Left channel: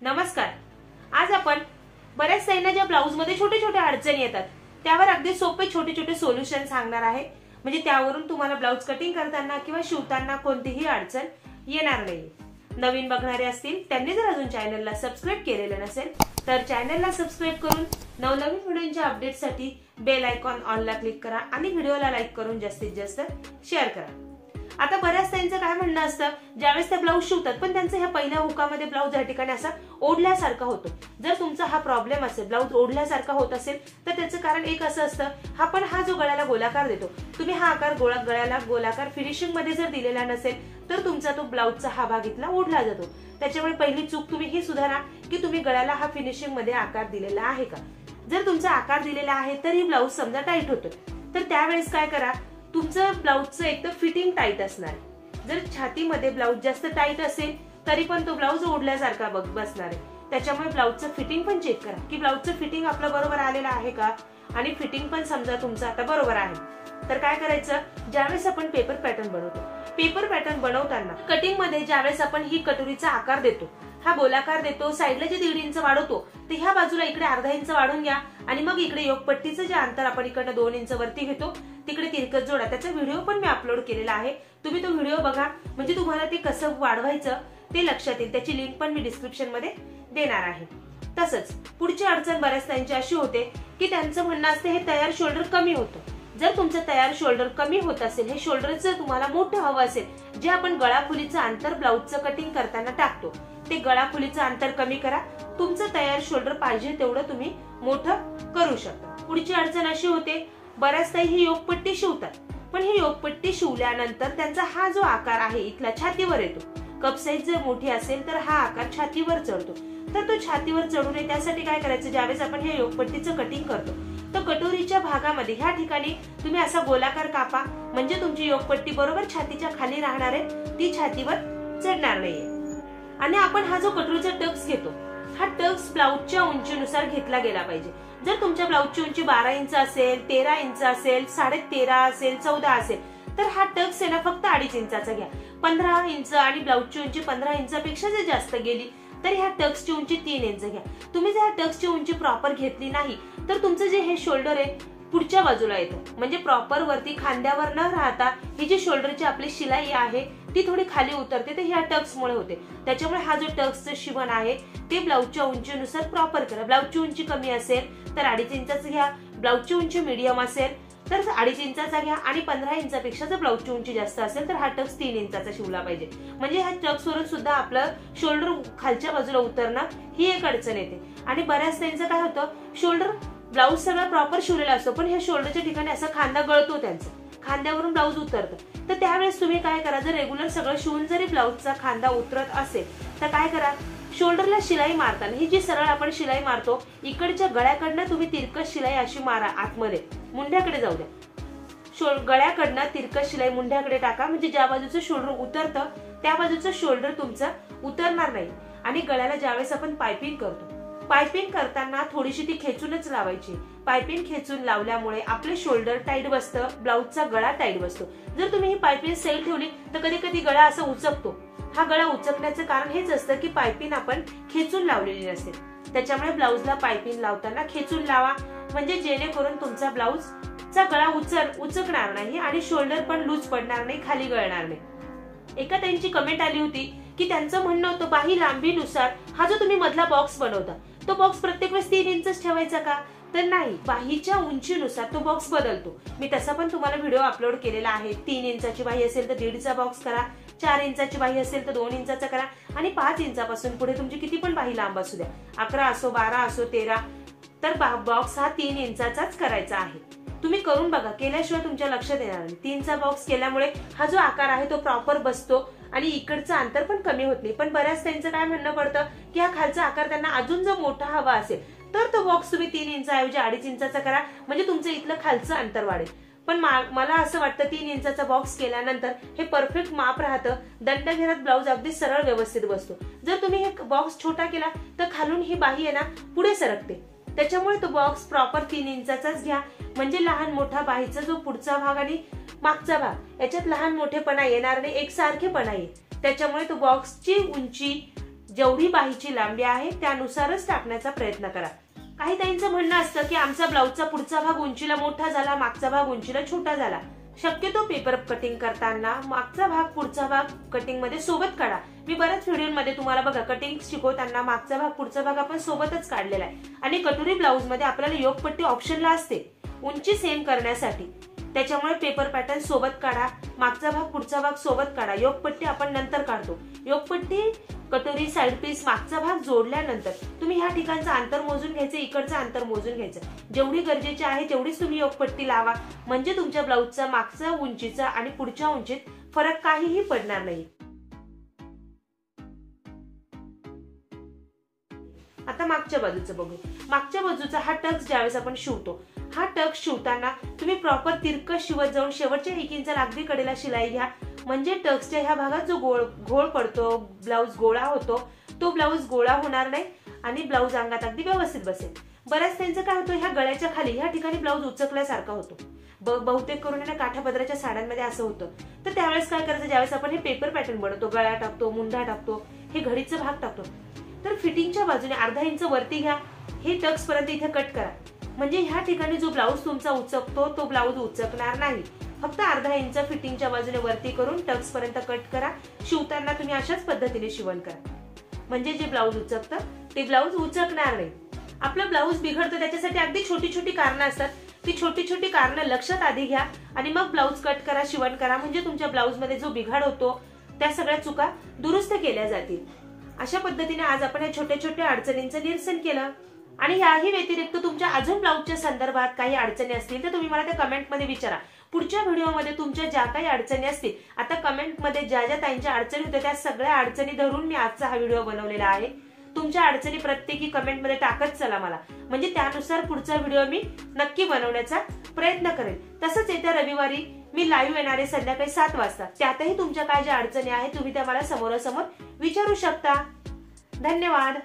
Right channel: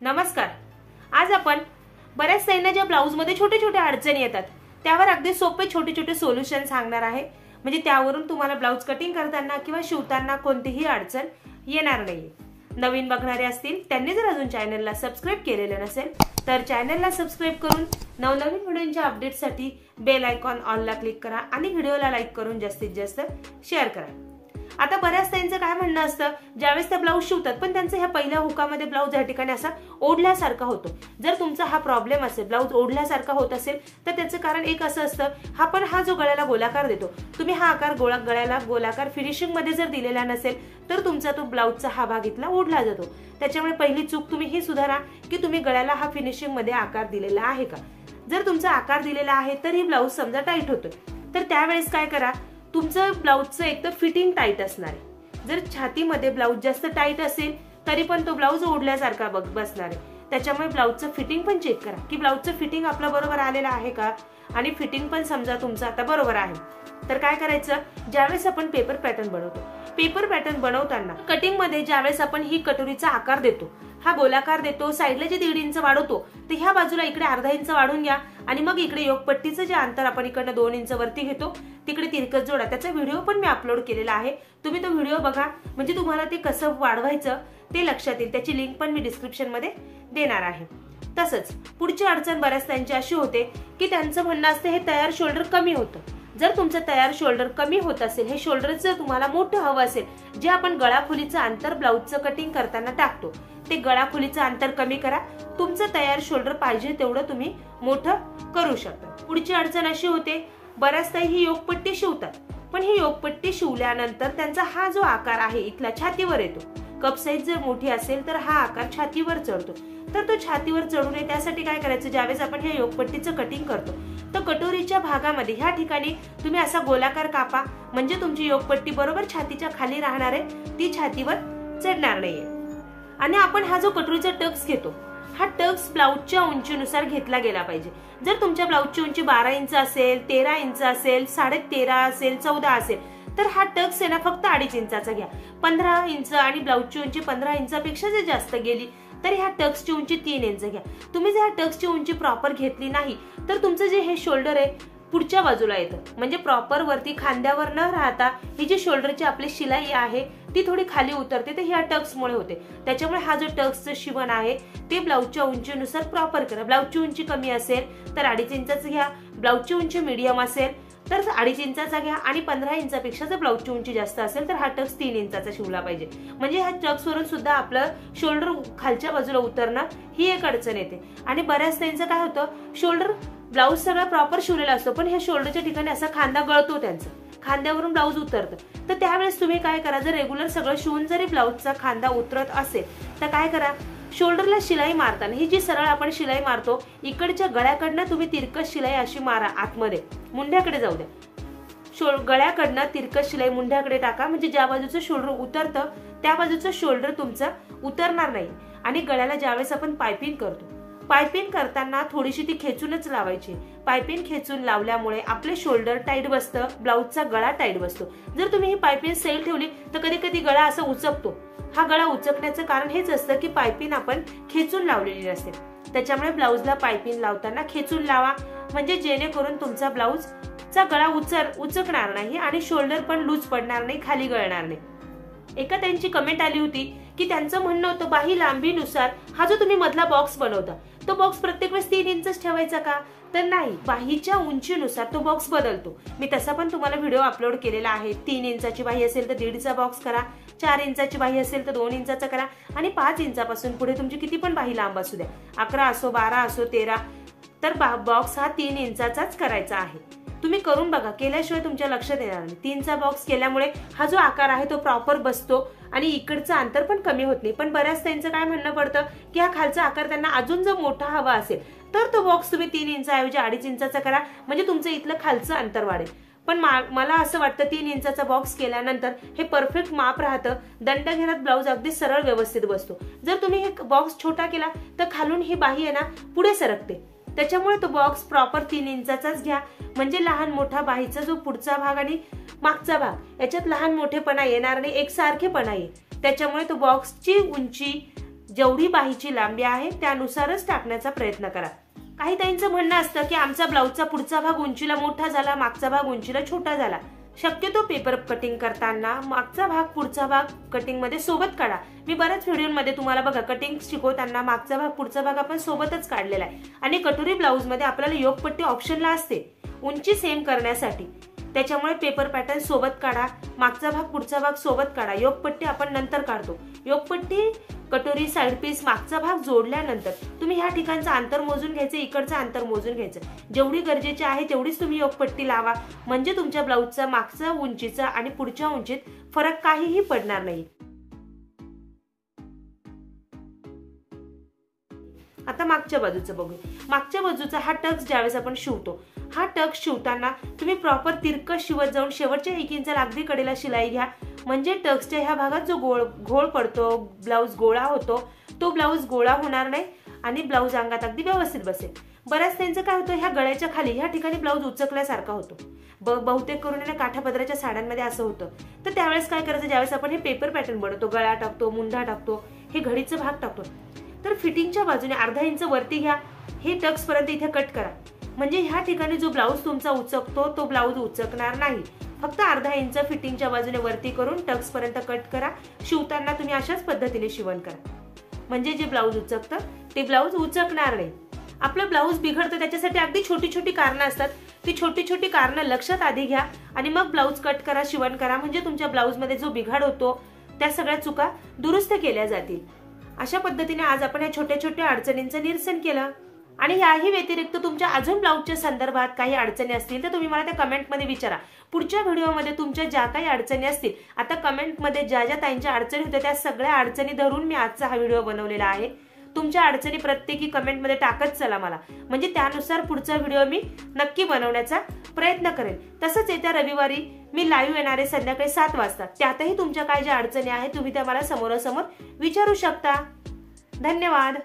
नमस्कार. आज आपण बऱ्याच ताईंना ब्लाउज मध्ये छोटे छोटे अडचणी येतात त्यावर अगदी सोपे छोटे छोटे सोल्युशन सांगणार आहे. म्हणजे त्यावरून तुम्हाला ब्लाउज कटिंग करताना किंवा शिवताना कोणतीही अडचण येणार नाही. नवीन बघणारे असतील त्यांनी जर अजून चॅनलला सबस्क्राइब केलेले नसेल तर चॅनलला सबस्क्राइब करून नवनवीन व्हिडिओच्या अपडेटसाठी बेल आयकॉन ऑनला क्लिक करा आणि व्हिडिओला लाईक करून जास्तीत जास्त शेअर करा. आता बऱ्याच त्यांचं काय म्हणणं असतं, ज्यावेळेस ते ब्लाऊज शिवतात पण त्यांचं ह्या पहिल्या हुकामध्ये ब्लाऊज या ठिकाणी असा ओढल्यासारखा होतो. जर तुमचा हा प्रॉब्लेम असेल, ब्लाऊज ओढल्यासारखा होत असेल तर त्याचं कारण एक असं असतं, हा जो गळ्याला गोलाकार देतो तुम्ही हा आकार गळ्याला गोलाकार फिनिशिंग मध्ये जर दिलेला नसेल तर तुमचा तो ब्लाऊजचा हा भाग इथला ओढला जातो. त्याच्यामुळे पहिली चूक तुम्ही ही सुधारा की तुम्ही गळ्याला हा फिनिशिंग मध्ये आकार दिलेला आहे का. जर तुमचा आकार दिलेला आहे तर ही ब्लाऊज समजा टाईट होतोय तर त्यावेळेस काय करा, तुमचं ब्लाऊजचं एक तर फिटिंग टाईट असणार आहे. जर छातीमध्ये ब्लाऊज जास्त टाईट असेल तरी पण तो ब्लाऊज ओढल्यासारखा बसणार आहे. त्याच्यामुळे ब्लाऊजचं फिटिंग पण चेक करा की ब्लाऊजचं फिटिंग आपलं बरोबर आलेलं आहे का. आणि फिटिंग पण समजा तुमचं आता बरोबर आहे तर काय करायचं, ज्यावेळेस आपण पेपर पॅटर्न बनवतो, पेपर पॅटर्न बनवताना कटिंग मध्ये ज्यावेळेस आपण ही कटोरीचा आकार देतो, हा गोलाकार देतो, साईडला जे 1.5 इंच वाढवतो तर ह्या बाजूला इकडे अर्धा इंच वाढून घ्या आणि मग इकडे योगपट्टीचं जे अंतर आपण इकडनं 2 इंच वरती घेतो तिकडे तिरकस जोडा. त्याचा व्हिडिओ पण मी अपलोड केलेला आहे, तुम्ही तो व्हिडिओ बघा म्हणजे तुम्हाला ते कसं वाढवायचं ते लक्षात येईल. त्याची लिंक पण मी डिस्क्रिप्शन मध्ये देणार आहे. तसंच पुढची अडचण बऱ्याच त्यांची अशी होते की त्यांचं म्हणणं असतं हे तयार शोल्डर कमी होतं. जर तुमचं तयार शोल्डर कमी होत असेल, हे शोल्डर जर तुम्हाला मोठं हवं असेल, जे आपण गळाखोलीचं अंतर ब्लाऊजचं कटिंग करताना टाकतो ते गळाखोलीचं अंतर कमी करा. तुमचं तयार शोल्डर पाहिजे तेवढं तुम्ही मोठं करू शकता. पुढची अडचण अशी होते, बऱ्याच ताई ही योगपट्टी शिवतात पण ही योगपट्टी शिवल्यानंतर त्यांचा हा जो आकार आहे इथला छातीवर येतो. कप साईज जर मोठी असेल तर हा आकार छातीवर चढतो. तर तो छातीवर चढू नये त्यासाठी काय करायचं, ज्यावेळेस आपण हे योगपट्टीचं कटिंग करतो तर कटोरीच्या भागामध्ये ह्या ठिकाणी तुम्ही असा गोलाकार कापा म्हणजे तुमची योगपट्टी बरोबर छातीच्या खाली राहणार आहे, ती छातीवर चढणार नाहीये. आणि आपण हा जो कटोरीचा टक्स घेतो हा टक्स ब्लाऊजच्या उंचीनुसार घेतला गेला पाहिजे. जर तुमच्या ब्लाऊजची उंची 12 इंच असेल, 13 इंच असेल, 13.5 असेल, 14 असेल तर हा टक्स आहे ना फक्त 2.5 इंचाचा घ्या. 15 इंच आणि ब्लाऊजची उंची 15 इंचापेक्षा जर जास्त गेली तर ह्या टक्सची उंची 3 इंच घ्या. तुम्ही जर टक्सची उंची प्रॉपर घेतली नाही तर तुमचं जे हे शोल्डर आहे पुढच्या बाजूला येतं, म्हणजे प्रॉपर वरती खांद्यावर न राहता ही जी शोल्डरची आपली शिलाई आहे ती थोडी खाली उतरते, तर ह्या टक्समुळे होते. त्याच्यामुळे हा जो टक्सचं शिवण आहे ते ब्लाऊजच्या उंचीनुसार प्रॉपर करा. ब्लाऊजची उंची कमी असेल तर 2.5 इंचाचं घ्या, ब्लाऊजची उंची मीडियम असेल तर 2.5 इंचाचा घ्या आणि 15 इंचापेक्षा जर ब्लाऊजची उंची जास्त असेल तर हा टक्स 3 इंचाचा शिवला पाहिजे. म्हणजे ह्या टक्स वरून सुद्धा आपलं शोल्डर खालच्या बाजूला उतरणं ही एक अडचण येते. आणि बऱ्याच त्यांचं काय होतं, शोल्डर ब्लाऊज सगळा प्रॉपर शिवलेला असतो पण हे शोल्डरच्या ठिकाणी असा खांदा गळतो, त्यांचा खांद्यावरून ब्लाऊज उतरतं. तर त्यावेळेस तुम्ही काय करा, जर रेग्युलर सगळं शिवून जरी ब्लाऊजचा खांदा उतरत असेल तर काय करा, शोल्डरला शिलाई मारताना ही जी सरळ आपण शिलाई मारतो इकडच्या गळ्याकडनं तुम्ही तिरकस शिलाई अशी मारा आतमध्ये, मुंढ्याकडे जाऊ द्या. गळ्याकडनं तिरकस शिलाई मुंढ्याकडे टाका म्हणजे ज्या बाजूचं शोल्डर उतरतं त्या बाजूचं शोल्डर तुमचं उतरणार नाही. आणि गळ्याला ज्यावेळेस आपण पायपिंग करतो, पायपिंग करताना थोडीशी ती खेचूनच लावायची. पायपिंग खेचून लावल्यामुळे आपले शोल्डर टाईट बसतं, ब्लाऊजचा गळा टाईट बसतो. जर तुम्ही ही पायपिंग सैल ठेवली तर कधी कधी गळा असा उचकतो. हा गळा उचकण्याचं कारण हेच असतं की पायपिंग आपण खेचून लावलेली नसते. त्याच्यामुळे ब्लाऊजला पायपिंग लावताना खेचून लावा म्हणजे जेणेकरून तुमचा ब्लाऊजचा गळा उचकणार नाही आणि शोल्डर पण लूज पडणार नाही, खाली गळणार नाही. एका त्यांची कमेंट आली होती की त्यांचं म्हणणं होतं बाही लांबीनुसार हा जो तुम्ही मधला बॉक्स बनवता तो बॉक्स प्रत्येक वेळेस 3 इंच ठेवायचा का, तर नाही, बाहीच्या उंचीनुसार तो बॉक्स बदलतो. मी तसा पण तुम्हाला व्हिडिओ अपलोड केलेला आहे. 3 इंचाची बाही असेल तर 1.5चा बॉक्स करा, 4 इंचाची बाही असेल तर 2 इंचाचा करा आणि 5 इंचापासून पुढे तुमची किती पण बाही लांब असू द्या, 11 असो, 12 असो, 13, तर बॉक्स हा 3 इंचाचाच करायचा आहे. तुम्ही करून बघा, केल्याशिवाय तुमच्या लक्षात येणार नाही. 3चा बॉक्स केल्यामुळे हा जो आकार आहे तो प्रॉपर बसतो आणि इकडचं अंतर पण कमी होत नाही. पण बऱ्याच त्यांचं काय म्हणणं पडतं की हा खालचा आकार त्यांना अजून जर मोठा हवा असेल तर तो बॉक्स तुम्ही 3 इंचाऐवजी 2.5 इंचाचा करा म्हणजे तुमचं इथलं खालचं अंतर वाढेल. पण मला असं वाटतं 3 इंचाचा बॉक्स केल्यानंतर हे परफेक्ट माप राहतं, दंडघेरात ब्लाऊज अगदी सरळ व्यवस्थित बसतो. जर तुम्ही हे बॉक्स छोटा केला तर खालून ही बाही आहे ना पुढे सरकते. त्याच्यामुळे तो बॉक्स प्रॉपर 3 इंचाचाच घ्या. म्हणजे लहान मोठा बाहीचा जो पुढचा भाग आणि मागचा भाग याच्यात लहान मोठेपणा येणार नाही, एकसारखेपणा येईल. त्याच्यामुळे तो बॉक्सची उंची जेवढी बाहीची लांबी आहे त्यानुसारच टाकण्याचा प्रयत्न करा. काही ताईंचं म्हणणं असतं की आमचा ब्लाऊजचा पुढचा भाग उंचीला मोठा झाला, मागचा भाग उंचीला छोटा झाला. शक्यतो पेपर कटिंग करताना मागचा भाग पुढचा भाग कटिंग मध्ये सोबत काढा. मी बऱ्याच व्हिडिओमध्ये तुम्हाला बघा कटिंग शिकवताना मागचा भाग पुढचा भाग आपण सोबतच काढलेला आहे. आणि कटोरी ब्लाऊज मध्ये आपल्याला योगपट्टी ऑप्शनला असते उंची सेम करण्यासाठी. त्याच्यामुळे पेपर पॅटर्न सोबत काढा, मागचा भाग पुढचा भाग सोबत काढा. योगपट्टी आपण नंतर काढतो. योगपट्टी कटोरी साइड पीस मागचा भाग जोडल्यानंतर तुम्ही ह्या ठिकाणचं अंतर मोजून घ्यायचं, इकडचं अंतर मोजून घ्यायचं. जेवढी गरजेची आहे तेवढीच तुम्ही योगपट्टी लावा, म्हणजे तुमच्या ब्लाऊजचा मागचा उंचीचा आणि पुढच्या उंचीत फरक काहीही पडणार नाही. आता मागच्या बाजूचं बघू. मागच्या बाजूचा हा टक्स ज्यावेळेस आपण शिवतो, हा टक्स शिवताना तुम्ही प्रॉपर तिरकस शिवत जाऊन शेवटच्या 1 इंचाला अगदी कडेला शिलाई घ्या. म्हणजे टक्सच्या ह्या भागात जो घोळ पडतो, ब्लाऊज गोळा होतो, तो ब्लाऊज गोळा होणार नाही आणि ब्लाऊज अंगात अगदी व्यवस्थित बसेल. बऱ्याच त्यांचं काय होतं, ह्या गळ्याच्या खाली ह्या ठिकाणी ब्लाऊज उचकल्यासारखा होतो. बहुतेक करून काठापदराच्या साड्यांमध्ये असं होतं. तर त्यावेळेस काय करायचं, ज्यावेळेस आपण हे पेपर पॅटर्न बनवतो, गळा टाकतो, मुंढा टाकतो, हे घडीचा भाग टाकतो, तर फिटिंगच्या बाजूने अर्धा इंच वरती घ्या. हे टक्स पर्यंत इथे कट करा. म्हणजे ह्या ठिकाणी जो ब्लाऊज तुमचा उचकतो तो ब्लाऊज उचकणार नाही. फक्त अर्धा इंच फिटिंगच्या बाजूने वरती करून टक्स पर्यंत कट करा. शिवताना तुम्ही अशाच पद्धतीने शिवण करा, म्हणजे जे ब्लाऊज उचकतं ते ब्लाऊज उचकणार नाही. आपलं ब्लाऊज बिघडतं त्याच्यासाठी अगदी छोटी छोटी कारणं असतात. ती छोटी छोटी कारणं लक्षात आधी घ्या आणि मग ब्लाऊज कट करा, शिवण करा. म्हणजे तुमच्या ब्लाऊज मध्ये जो बिघाड होतो त्या सगळ्या चुका दुरुस्त केल्या जातील. अशा पद्धतीने आज आपण या छोट्या छोट्या अडचणींचं निरसन केलं. आणि याही व्यतिरिक्त तुमच्या अजून ब्लाऊजच्या संदर्भात काही अडचणी असतील तर तुम्ही मला त्या कमेंटमध्ये विचारा. पुढच्या व्हिडिओमध्ये तुमच्या ज्या काही अडचणी असतील, आता कमेंटमध्ये ज्या ज्या ताईंच्या अडचणी होत्या त्या सगळ्या अडचणी धरून मी आजचा हा व्हिडिओ बनवलेला आहे. तुमच्या अडचणी प्रत्येकी कमेंटमध्ये टाकत चला मला, म्हणजे त्यानुसार पुढचा व्हिडिओ मी नक्की बनवण्याचा प्रयत्न करेन. तसंच येत्या रविवारी मी लाईव्ह येणार आहे संध्याकाळी 7 वाजता. त्यातही तुमच्या काय ज्या अडचणी आहेत तुम्ही त्या मला समोरासमोर विचारू शकता. धन्यवाद.